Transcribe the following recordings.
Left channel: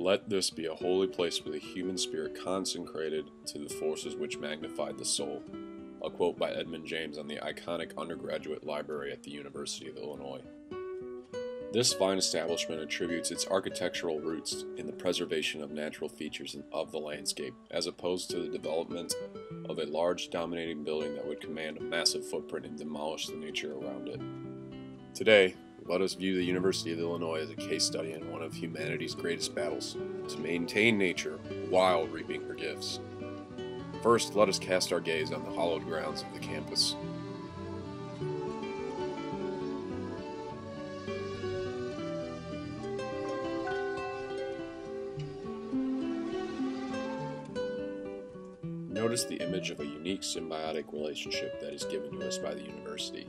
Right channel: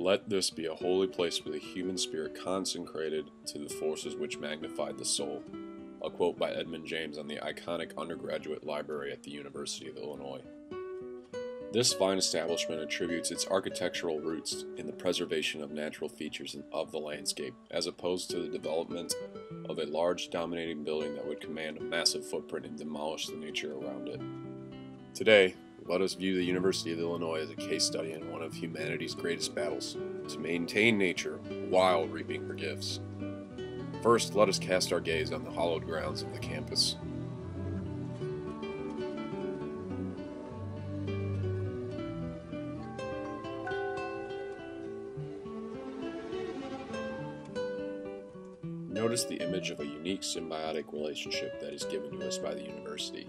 Let this be a holy place where the human spirit consecrated to the forces which magnified the soul. A quote by Edmund James on the iconic undergraduate library at the University of Illinois. This fine establishment attributes its architectural roots in the preservation of natural features of the landscape, as opposed to the development of a large dominating building that would command a massive footprint and demolish the nature around it. Today, let us view the University of Illinois as a case study in one of humanity's greatest battles, to maintain nature while reaping her gifts. First, let us cast our gaze on the hallowed grounds of the campus. Notice the image of a unique symbiotic relationship that is given to us by the university.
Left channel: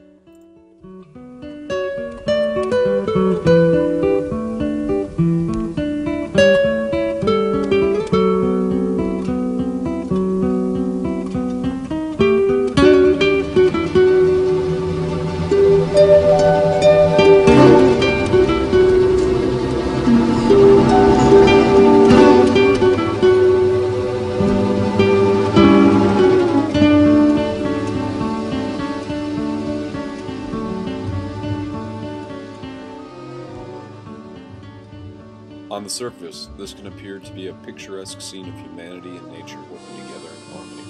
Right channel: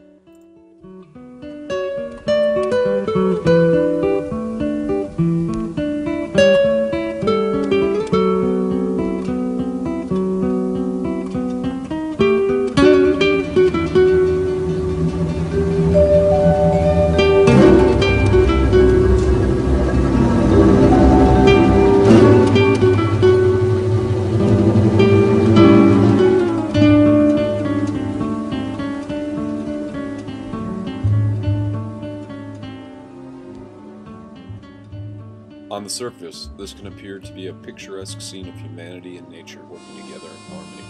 On the surface, this can appear to be a picturesque scene of humanity and nature working together in harmony,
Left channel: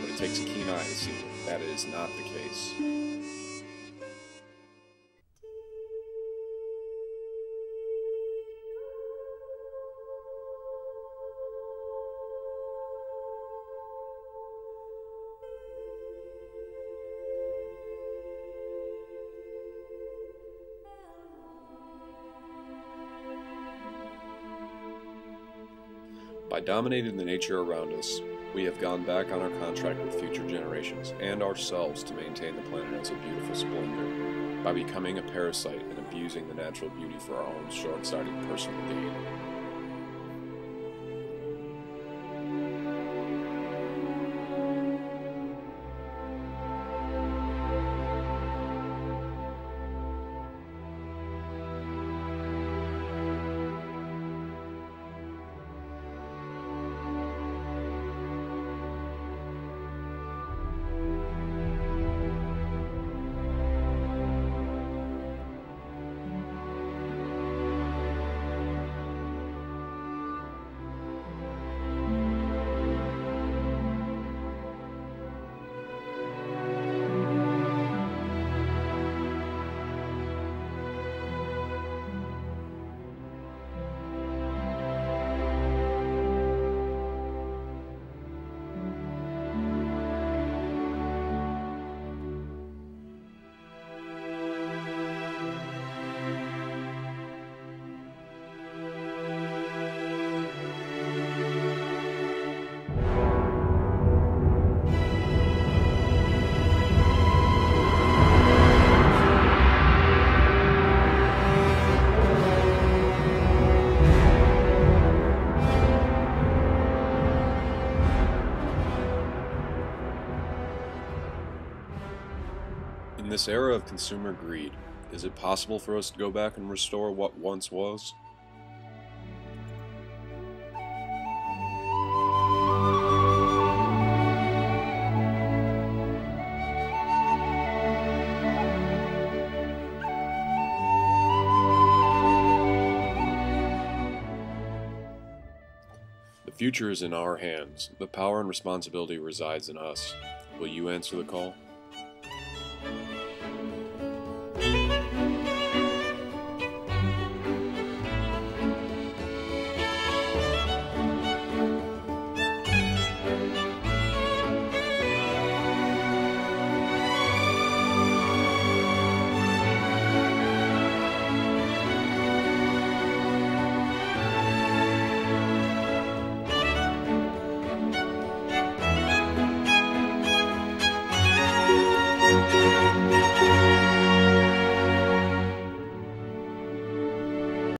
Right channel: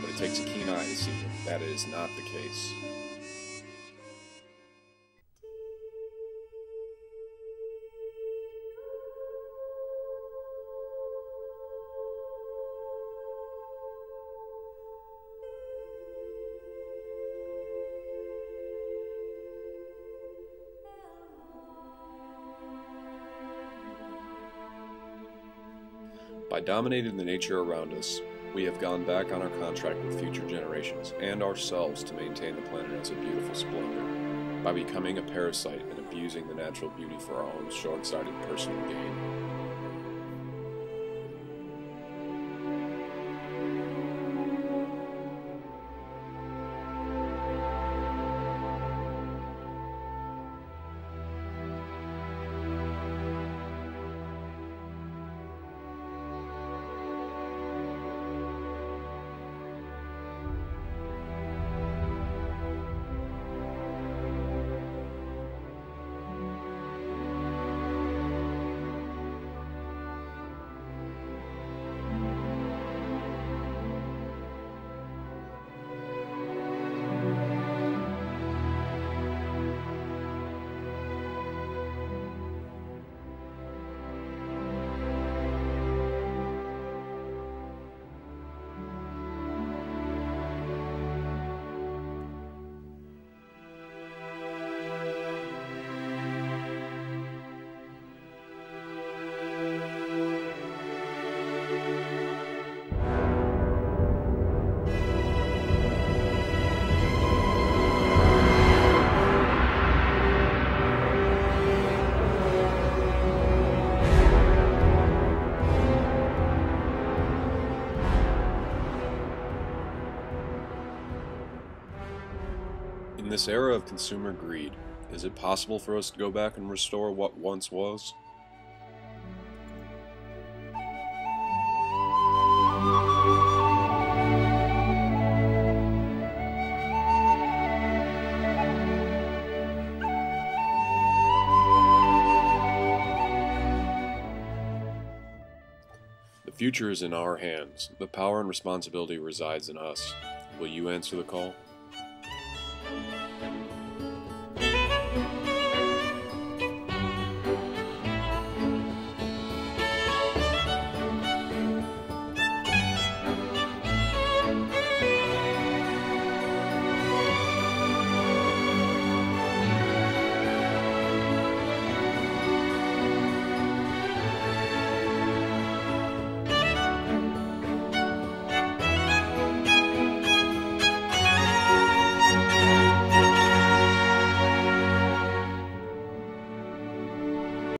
but it takes a keen eye to see that it is not the case. By dominating the nature around us, we have gone back on our contract with future generations and ourselves to maintain the planet as a beautiful splendor, by becoming a parasite and abusing the natural beauty for our own short-sighted personal gain. In this era of consumer greed, is it possible for us to go back and restore what once was? The future is in our hands. The power and responsibility resides in us. Will you answer the call?